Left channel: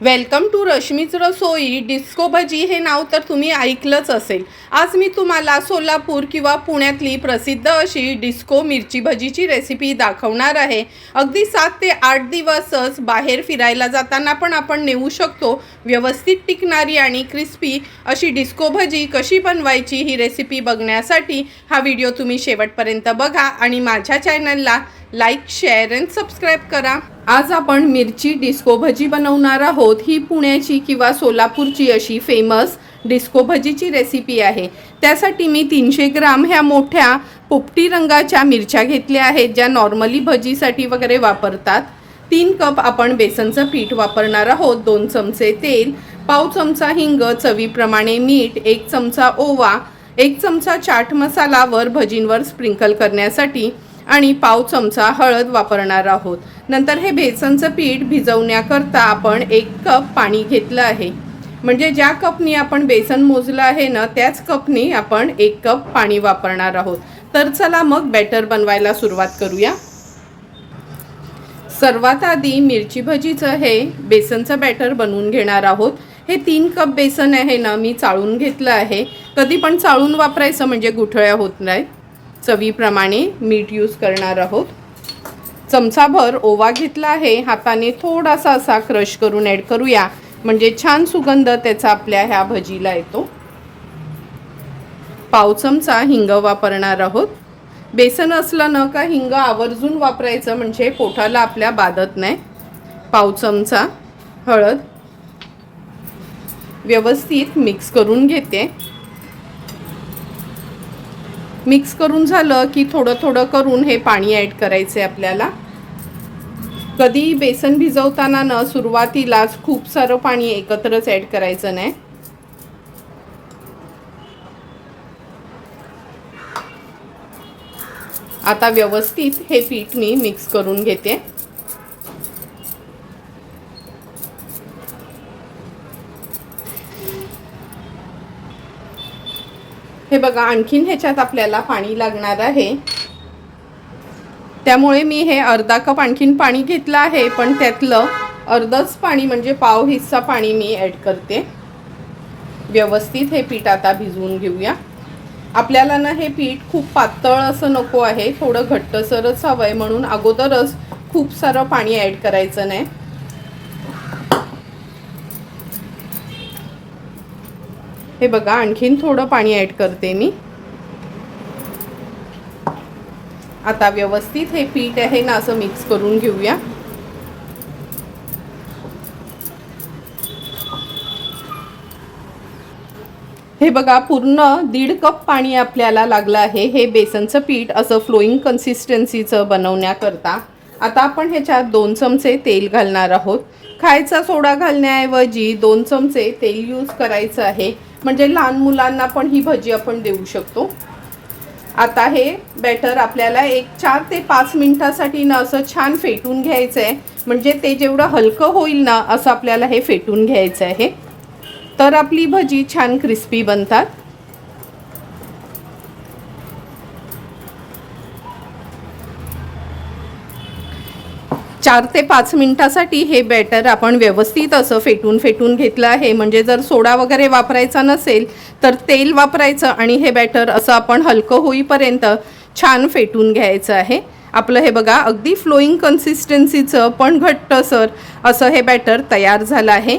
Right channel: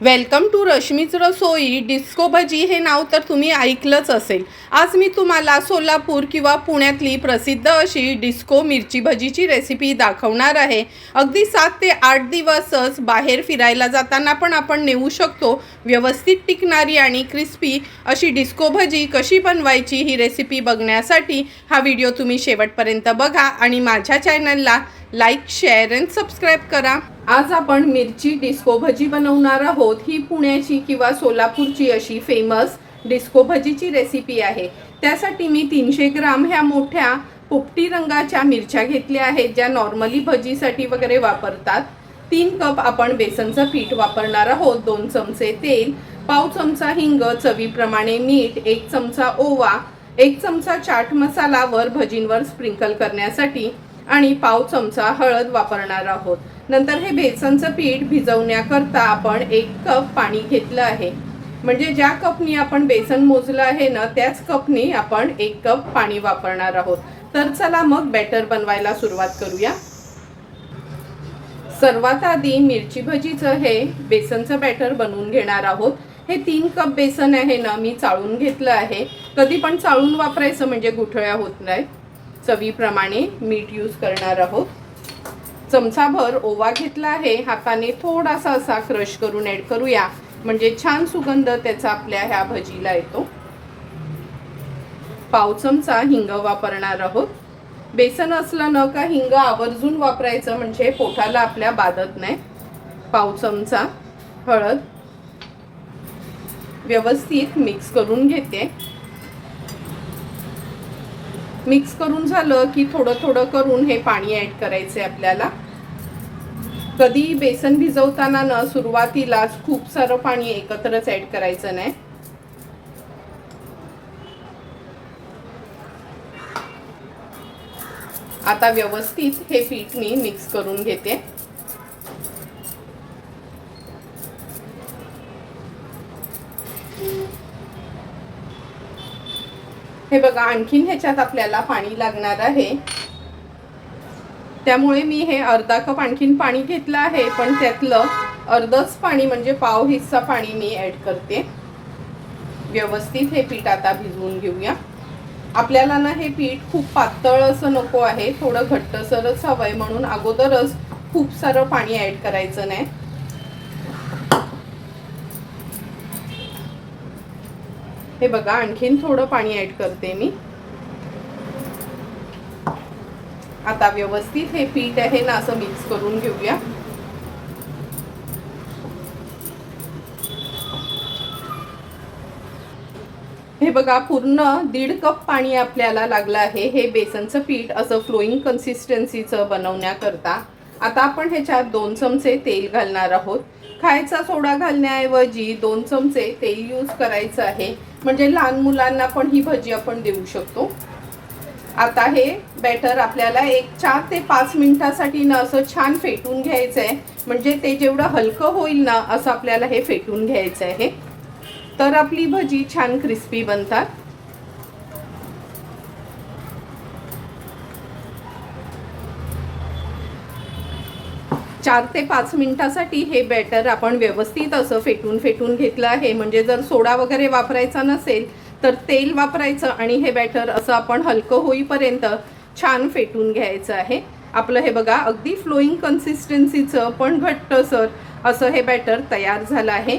Welcome to रश्मीच रसोई। Disco भजी हे नाव तर तुम्ही ऐकलंच असेल। आज मी तुम्हाला सोलापूर किंवा पुण्यातली प्रसिद्ध अशी डिस्को मिरची भजीची रेसिपी दाखवणार आहे। अगदी 7 ते 8 दिवसच बाहेर फिरायला जाताना पण आपण नेऊ शकतो व्यवस्थित टिकणारी आणि क्रिस्पी अशी डिस्को भजी कशी बनवायची ही रेसिपी बघण्यासाठी हा व्हिडिओ तुम्ही शेवटपर्यंत बघा आणि माझ्या चॅनलला लाईक, शेअर अँड सबस्क्राईब करा। आज आपण मिरची डिस्को भजी बनवणार आहोत। ही पुण्याची किंवा सोलापूरची अशी फेमस डिस्को भजीची रेसिपी आहे। त्यासाठी मी 300 ग्राम ह्या मोठ्या पोपटी रंगाच्या मिरच्या घेतल्या आहेत, ज्या नॉर्मली भजीसाठी वगैरे वापरतात। 3 कप आपण बेसनचं पीठ वापरणार आहोत, 2 चमचे तेल, पाव चमचा हिंग, चवीप्रमाणे मीठ, 1 चमचा ओवा, 1 चमचा चाट मसाला वर भजींवर स्प्रिंकल करण्यासाठी आणि पाव चमचा हळद वापरणार आहोत। नंतर हे बेसनचं पीठ भिजवण्याकरता आपण 1 कप पाणी घेतलं आहे। म्हणजे ज्या कपनी आपण बेसन मोजलं आहे ना, त्याच कपनी आपण 1 कप पाणी वापरणार आहोत। तर चला मग बॅटर बनवायला सुरुवात करूया। सर्वात आधी मिरची भजीचं हे बेसनचं बॅटर बनवून घेणार आहोत। हे 3 कप बेसन आहे ना, मी चाळून घेतलं आहे। कधी पण चाळून वापरायचं म्हणजे गुठळ्या होत नाहीत। चवीप्रमाणे मीठ यूज करणार आहोत। चमचाभर ओवा घेतला आहे, हाताने थोडासा असा क्रश करून ॲड करूया, म्हणजे छान सुगंध त्याचा आपल्या ह्या भजीला येतो। पाव चमचा हिंग वापरणार आहोत। बेसन असलं ना का हिंग आवर्जून वापरायचं, म्हणजे पोटाला आपल्या बाधत नाही। पाव चमचा हळद व्यवस्थित मिक्स करून घेते। मिक्स करून झालं की थोडं थोडं करून हे पाणी ॲड करायचे आपल्याला। कधी बेसन भिजवताना ना सुरुवातीलाच खूप सारं पाणी एकत्रच ॲड करायचं नाही। आता व्यवस्थित हे पीठ मी मिक्स करून घेते। हे बघा, आणखीन ह्याच्यात आपल्याला पाणी लागणार आहे, त्यामुळे मी हे अर्धा कप आणखीन पाणी घेतलं आहे, पण त्यातलं अर्धच पाणी म्हणजे पाव हिस्सा पाणी मी ॲड करते। व्यवस्थित हे पीठ आता भिजवून घेऊया। आपल्याला ना हे पीठ खूप पातळ असं नको आहे, थोडं घट्टसरच हवंय, म्हणून अगोदरच खूप सारं पाणी ॲड करायचं नाही। हे बघा, आणखीन थोडं पाणी ॲड करते मी। आता व्यवस्थित हे पीठ आहे ना असं मिक्स करून घेऊया। हे बघा, पूर्ण 1.5 कप पाणी आपल्याला लागलं आहे हे बेसनचं पीठ असं फ्लोईंग कन्सिस्टन्सीचं बनवण्याकरता। आता आपण ह्याच्यात 2 चमचे तेल घालणार आहोत। खायचा सोडा घालण्याऐवजी 2 चमचे तेल यूज करायचं आहे, म्हणजे लहान मुलांना पण ही भजी आपण देऊ शकतो। आता हे बॅटर आपल्याला 4 ते 5 मिनिटासाठी ना असं छान फेटून घ्यायचं आहे, म्हणजे ते जेवढं हलकं होईल ना असं आपल्याला हे फेटून घ्यायचं आहे, तर आपली भजी छान क्रिस्पी बनतात। 4 ते 5 मिनिटासाठी हे बॅटर आपण व्यवस्थित असं फेटून घेतलं आहे। म्हणजे जर सोडा वगैरे वापरायचा नसेल तर तेल वापरायचं आणि हे बॅटर असं आपण हलकं होईपर्यंत छान फेटून घ्यायचं आहे। आपलं हे बघा, अगदी फ्लोईंग कन्सिस्टन्सीचं पण घट्टसर असं हे बॅटर तयार झालं आहे।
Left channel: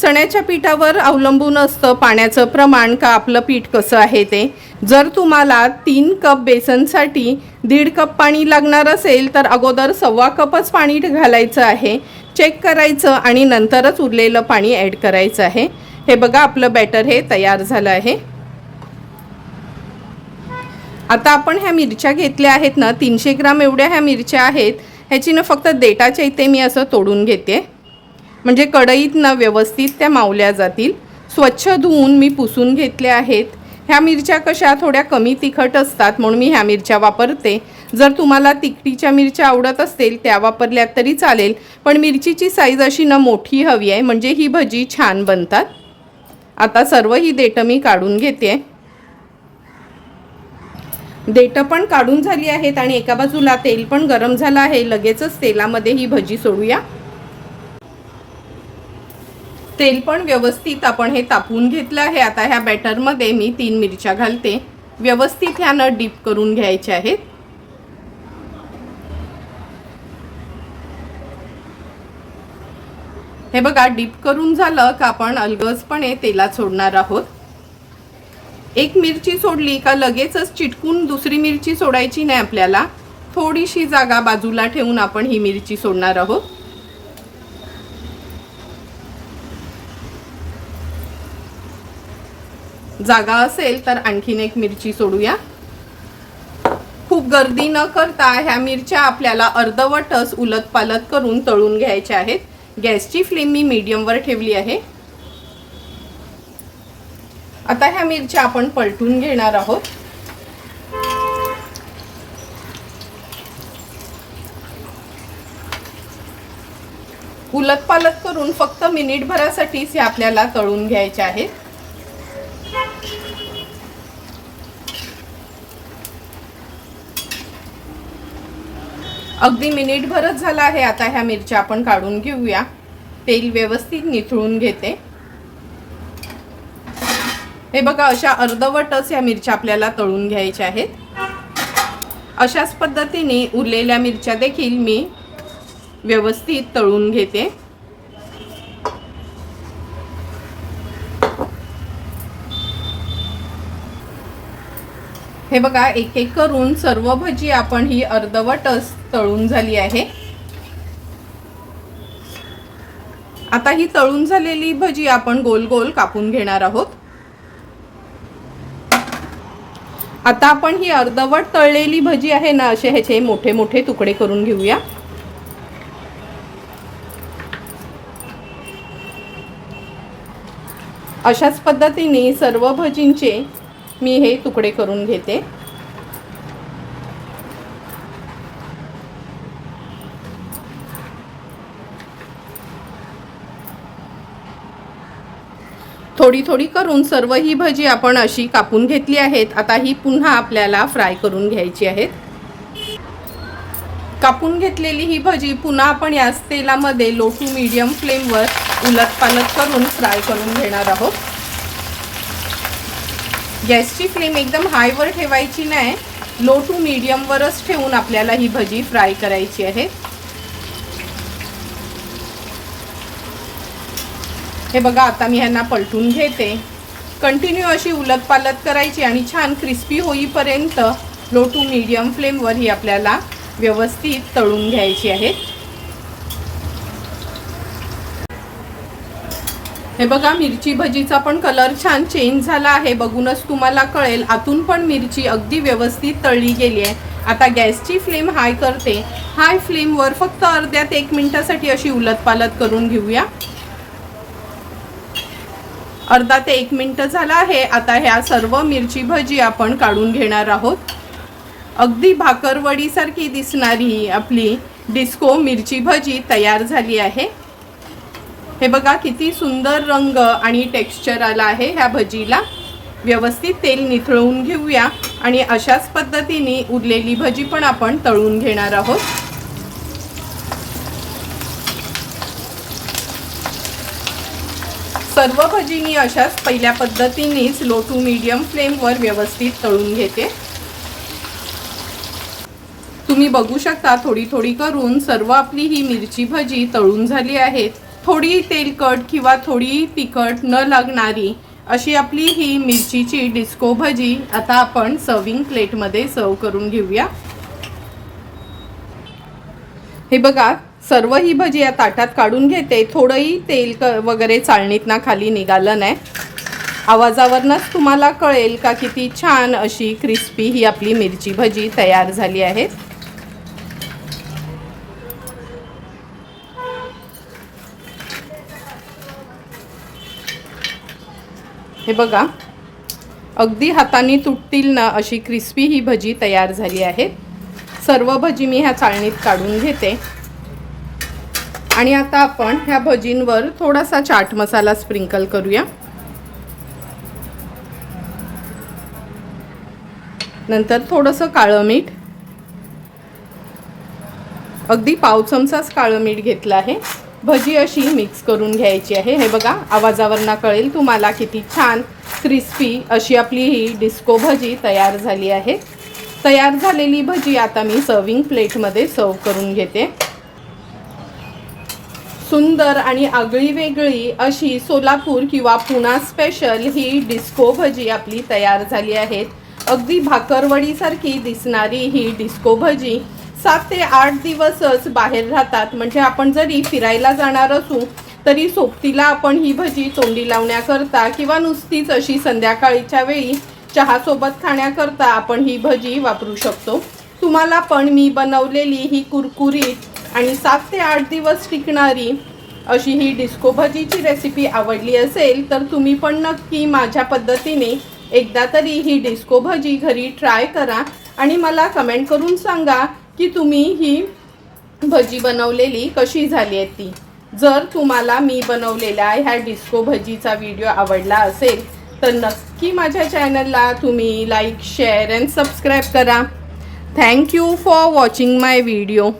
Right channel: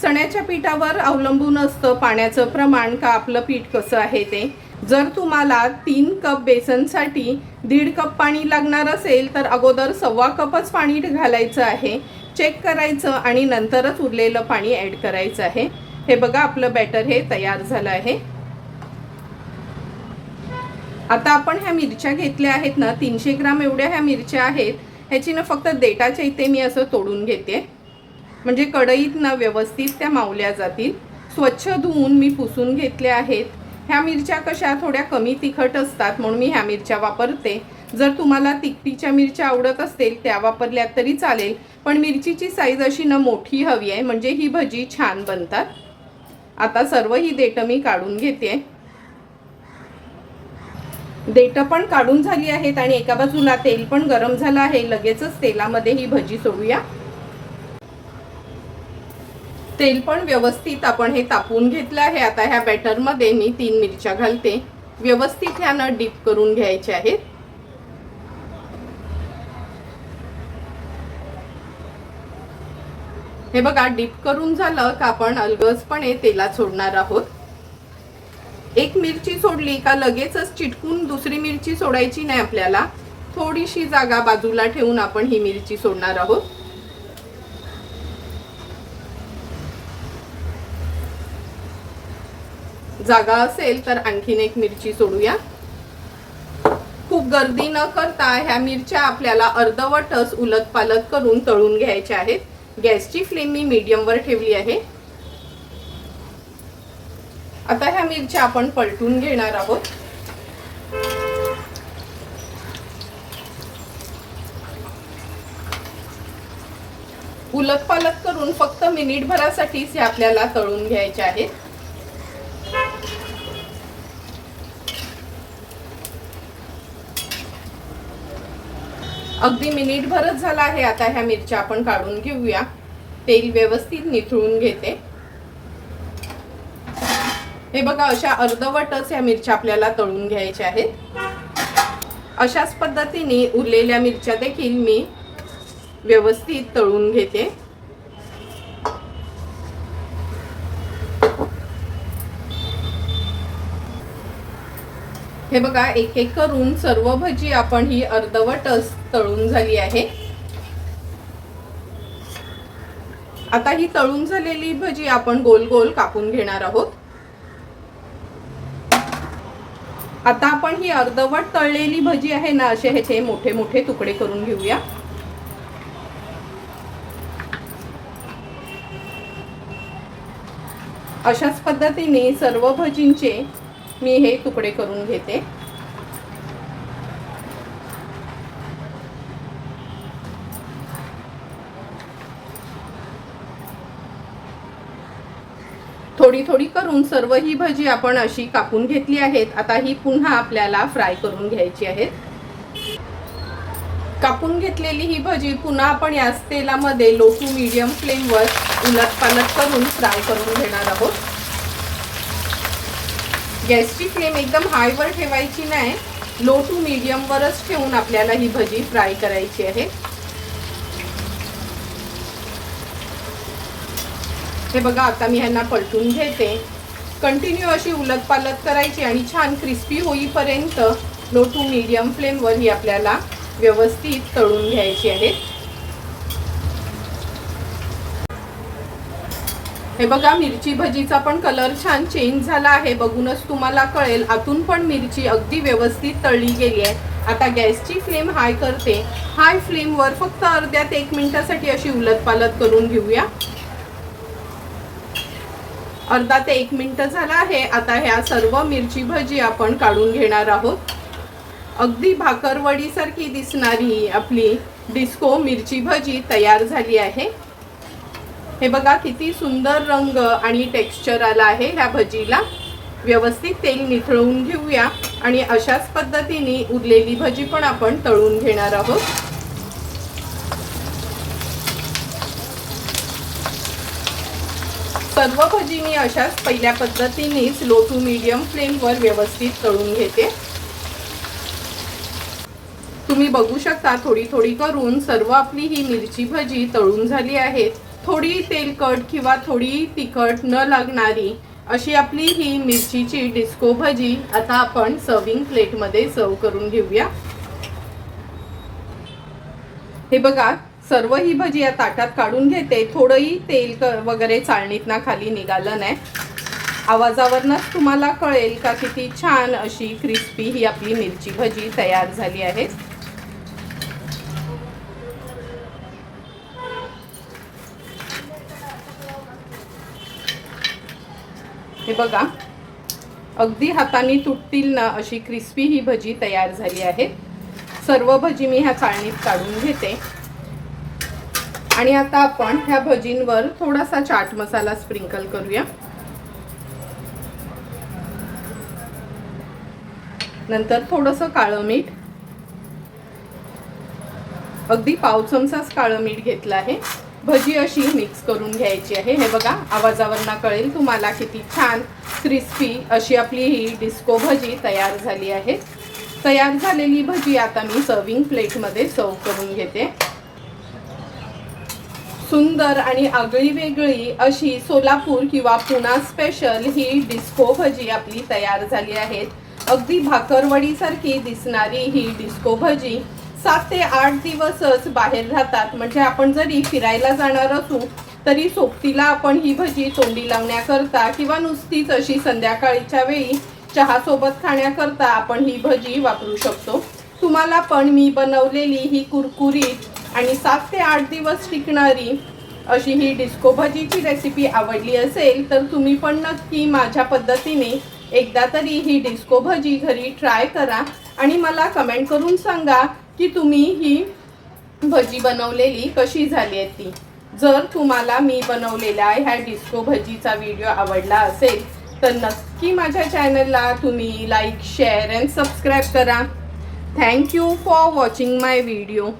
चण्याच्या पिठावर अवलंबून असतं पाण्याचं प्रमाण का आपलं पीठ कसं आहे ते। जर तुम्हाला 3 कप बेसनसाठी 1.5 कप पाणी लागणार असेल तर अगोदर 1.25 कपच पाणी घालायचं आहे, चेक करायचं आणि नंतरच उरलेलं पाणी ॲड करायचं आहे। हे बघा, आपलं बॅटर हे तयार झालं आहे। आता आपण ह्या मिरच्या घेतल्या आहेत ना, 300 ग्राम एवढ्या ह्या मिरच्या आहेत। ह्याची ना फक्त देठाच्या इथे मी असं तोडून घेते, म्हणजे कढईत ना व्यवस्थित त्या मावल्या जातील। स्वच्छ धुवून मी पुसून घेतल्या आहेत। ह्या मिरच्या कशा थोड्या कमी तिखट असतात, म्हणून मी ह्या मिरच्या वापरते। जर तुम्हाला तिखटीच्या मिरच्या आवडत असतील त्या वापरल्या तरी चालेल, पण मिरचीची साईज अशी ना मोठी हवी आहे, म्हणजे ही भजी छान बनतात। आता सर्व ही देठं मी काढून घेते। देठं पण काढून झाली आहेत आणि एका बाजूला तेल पण गरम झालं आहे। लगेचच तेलामध्ये ही भजी सोडूया। तेल पण व्यवस्थित आपण हे तापवून घेतलं आहे। आता ह्या बॅटरमध्ये मी 3 मिरच्या घालते। व्यवस्थित ह्यानं डीप करून घ्यायचे आहेत। हे बघा, डीप करून झालं का आपण अलगदपणे तेलात सोडणार आहोत। एक मिरची सोडली का लगेचच चिटकून दुसरी मिरची सोडायची नाही आपल्याला। थोडीशी जागा बाजूला ठेवून आपण ही मिरची सोडणार आहोत। जागा असेल तर आणखीन एक मिरची सोडूया। खूप गर्दी न करता ह्या मिरच्या आपल्याला अर्धवटच उलटपालट करून तळून घ्यायच्या आहेत। गॅसची फ्लेम मी मीडियम वर ठेवली आहे। आता ह्या मिरच्या आपण पलटून घेणार आहोत। उलटपालट करून फक्त मिनिटभरासाठीच हे आपल्याला तळून घ्यायचे आहेत। अगदी मिनिटभरच झाला आहे। आता ह्या मिरच्या आपण काढून घेऊया। तेल व्यवस्थित निथळून घेते। हे बघा, अशा अर्धवटच ह्या मिरच्या आपल्याला तळून घ्यायच्या आहेत। अशाच पद्धतीने उरलेल्या मिरच्या देखील मी व्यवस्थित तळून घेते। हे बघा, एक एक करून सर्व भजी आपण ही अर्धवटच तळून झाली आहे। आता ही तळून झालेली भजी आपण गोल गोल कापून घेणार आहोत। आता आपण ही अर्धवट तळलेली भजी आहे ना, असे ह्याचे मोठे मोठे तुकडे करून घेऊया। अशाच पद्धतीने सर्व भजींचे मी हे तुकडे करून घेते। थोडी थोडी करून सर्व ही भजी आपण अशी कापून घेतली आहेत। आता ही पुन्हा आपल्याला फ्राय करून घ्यायची आहेत। कापून घेतलेली ही भजी पुन्हा आपण याच तेलामध्ये लो टू मीडियम फ्लेमवर उलटपालट करून फ्राय करून घेणार आहोत। गॅसची फ्लेम एकदम हायवर ठेवायची नाही, लो टू मीडियम वरच ठेवून आपल्याला ही भजी फ्राय करायची आहे। हे बघा, आता मी ह्यांना पलटून घेते। कंटिन्यू अशी उलटपालट करायची आणि छान क्रिस्पी होईपर्यंत लो टू मीडियम फ्लेमवर ही आपल्याला व्यवस्थित तळून घ्यायची आहे। हे बघा, मिरची भजीचा पण कलर छान चेंज झाला आहे। बघूनच तुम्हाला कळेल, आतून पण मिरची अगदी व्यवस्थित तळली गेली आहे। आता गॅसची फ्लेम हाय करते। हाय फ्लेमवर फक्त अर्ध्या ते 1 मिनिटासाठी अशी उलटपालट करून घेऊया। अर्धा ते 1 मिनिट झाला आहे। आता ह्या सर्व मिरची भजी आपण काढून घेणार आहोत। अगदी भाकरवडीसारखी दिसणारी आपली डिस्को मिरची भजी तयार झाली आहे। हे बघा, किती सुंदर रंग आणि टेक्स्चर आला आहे ह्या भजीला। व्यवस्थित तेल निथळून घेऊया आणि अशाच पद्धतीने उरलेली भजी पण आपण तळून घेणार आहोत। सर्व भजी मी अशाच पहिल्या पद्धतीनेच लो टू मीडियम फ्लेमवर व्यवस्थित तळून घेते। तुम्ही बघू शकता, थोडी थोडी करून सर्व आपली ही मिरची भजी तळून झाली आहे। थोडी तेलकट किंवा थोडी तिखट न लागणारी अशी आपली ही मिरचीची डिस्को भजी आता आपण सर्विंग प्लेटमध्ये सर्व करून घेऊया। हे बघा, सर्व ही भजी या ताटात काढून घेते। थोडंही तेल वगैरे चाळणीतनं खाली निघालं नाही। आवाजावरनच तुम्हाला कळेल का किती छान अशी क्रिस्पी ही आपली मिरची भजी तयार झाली आहे। हे बघा, अगदी हाताने तुटतील ना अशी क्रिस्पी ही भजी तयार झाली आहे। सर्व भजी मी ह्या चाळणीत काढून घेते आणि आता आपण ह्या भजींवर थोडासा चाट मसाला स्प्रिंकल करूया। नंतर थोडंसं काळं मीठ, अगदी पाव चमचाच काळं मीठ घेतलं आहे। भजी अशी मिक्स करून घ्यायची आहे। हे बघा, आवाजावरनं कळेल तुम्हाला किती छान क्रिस्पी अशी आपली ही डिस्को भजी तयार झाली आहे। तयार झालेली भजी आता मी सर्विंग प्लेटमध्ये सर्व करून घेते। सुंदर आणि आगळी वेगळी अशी सोलापूर किंवा पुणा स्पेशल ही डिस्को भजी आपली तयार झाली आहे। अगदी भाकरवडीसारखी दिसणारी ही डिस्को भजी 7 ते 8 दिवसच बाहेर राहतात। म्हणजे आपण जरी फिरायला जाणार असू तरी सोबतीला आपण ही भजी तोंडी लावण्याकरता किंवा नुसतीच अशी संध्याकाळीच्या वेळी चहा सोबत खाण्याकरता आपण ही भजी वापरू शकतो। तुम्हाला पण मी बनवलेली ही कुरकुरीत आणि 7 ते 8 दिवस टिकणारी अशी ही डिस्को भजीची रेसिपी आवडली असेल तर तुम्ही पण नक्की माझ्या पद्धतीने एकदा तरी ही डिस्को भजी घरी ट्राय करा आणि मला कमेंट करून सांगा की तुम्ही ही भजी बनवलेली कशी झाली आहे ती। जर तुम्हाला मी बनवलेल्या ह्या डिस्को भजीचा व्हिडिओ आवडला असेल तर नक्की माझ्या चॅनलला तुम्ही लाईक, शेअर अँड सबस्क्राईब करा। Thank you for watching my video.